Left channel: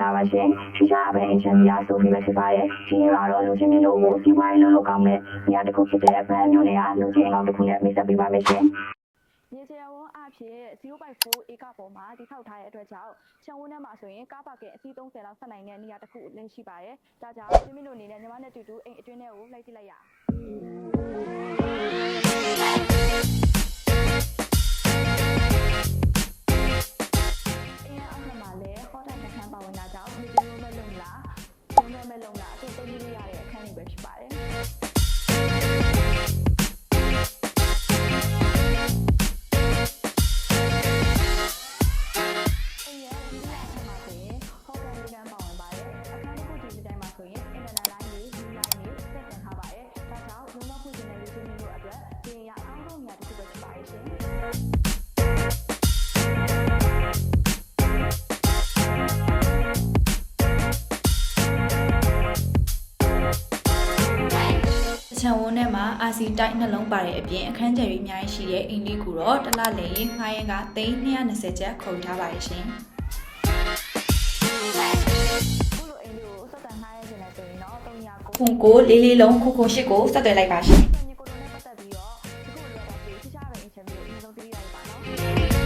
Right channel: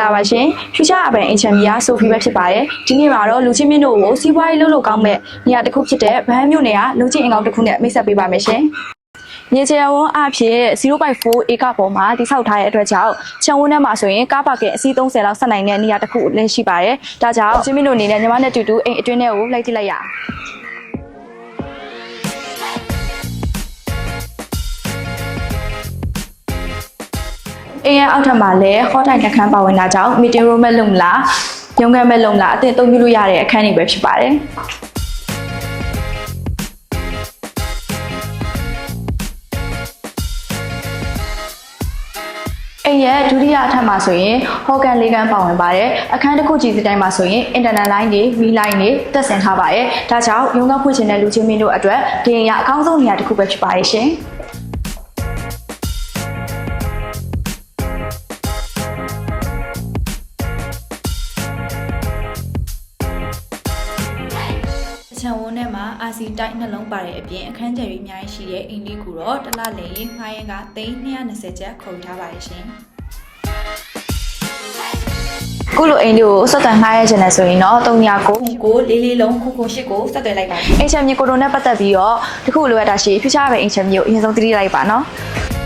္ဂလာပါရှင်။ Future Urban Engineer ဆိုဖီပဲဖြစ်ပါတယ်။ဒီနေ့မှာတော့လူချင်းမင်းတို့ကိုစီးပွားရေးလုပ်ကောင်းမဲ့နေရာတစ်ခုဖြစ်တဲ့ဗန်းမြို့နယ်ကလူချင်းအင်ကောင်တစ်ခုနဲ့မိတ်ဆက်ပေးပါမယ်ရှင်။မြေချယ်ဝန်းအဖြစ် 0.4 ဧကပေါ်မှာတိစောက်ထားတဲ့အတွက်ကြောင့်ချံဝန်းထဲမှာဆိုရင်ကားပါကင်အစီး30လောက်ဆက်နိုင်တဲ့နေရာတစ်ခုလည်းရှိပါတယ်။ဒါကြောင့်ချင်းမင်းတို့အနေနဲ့ညီမနဲ့တူတူအိမ်အတွင်းထဲကိုလိုက်ကြည့်လိုက်ရအောင်။အိမ်ရဲ့အောက်ထပ်မှာလည်းဟောတိုင်တစ်ခန်းပါဝင်တာကြောင့် meeting room မဲ့လုံးလားရုံးခန်းမဲ့လုံးလားအသင့်အသုံးပြုလို့ရတဲ့အခန်းတွေပဲဖြစ်ပါတယ်အိမ်ရဲ့ဒုတိယအထပ်မှာဆိုရင်ဟော်ကန်လေးခန်းပါဝင်ပါတယ်အခန်းတစ်ခုကြီးစီတိုင်းမှာဆိုရင် internet line တွေ V line တွေတက်ဆင်ထားပါတယ်ဒါကြောင့်ရုံးခန်းဖွင့်ချင်တဲ့လူချင်းမင်းတို့အတွက်ဒီအိမ်ကအကောင်းဆုံးနေရာတစ်ခုပဲဖြစ်ပါတယ်ရှင်ချံဝန်းထဲမှာ RC တိုက်နှလုံးပါတဲ့အပြင်အခန်းကျယ်ကြီးအများကြီးရှိတဲ့အိမ်လေးကိုတော့တစ်လလည်ငှားရမ်းက320ကျပ်ခေါ်ယူထားပါတယ်ရှင်။ခုလိုအိမ်လေးကိုဆက်သွယ်ငှားရခြင်းနဲ့ဆိုရင်တော့399444လုံး998ကိုဆက်သွယ်လိုက်ပါရှင်။အိမ်ချမ်းမြေကိုတို့နဲ့ပတ်သက်ပြီးတော့တခုလိုအပ်တာရှိ Future Urban အိမ်ချမ်းမြေကိုအရင်ဆုံးသိလိုက်ပါနော်။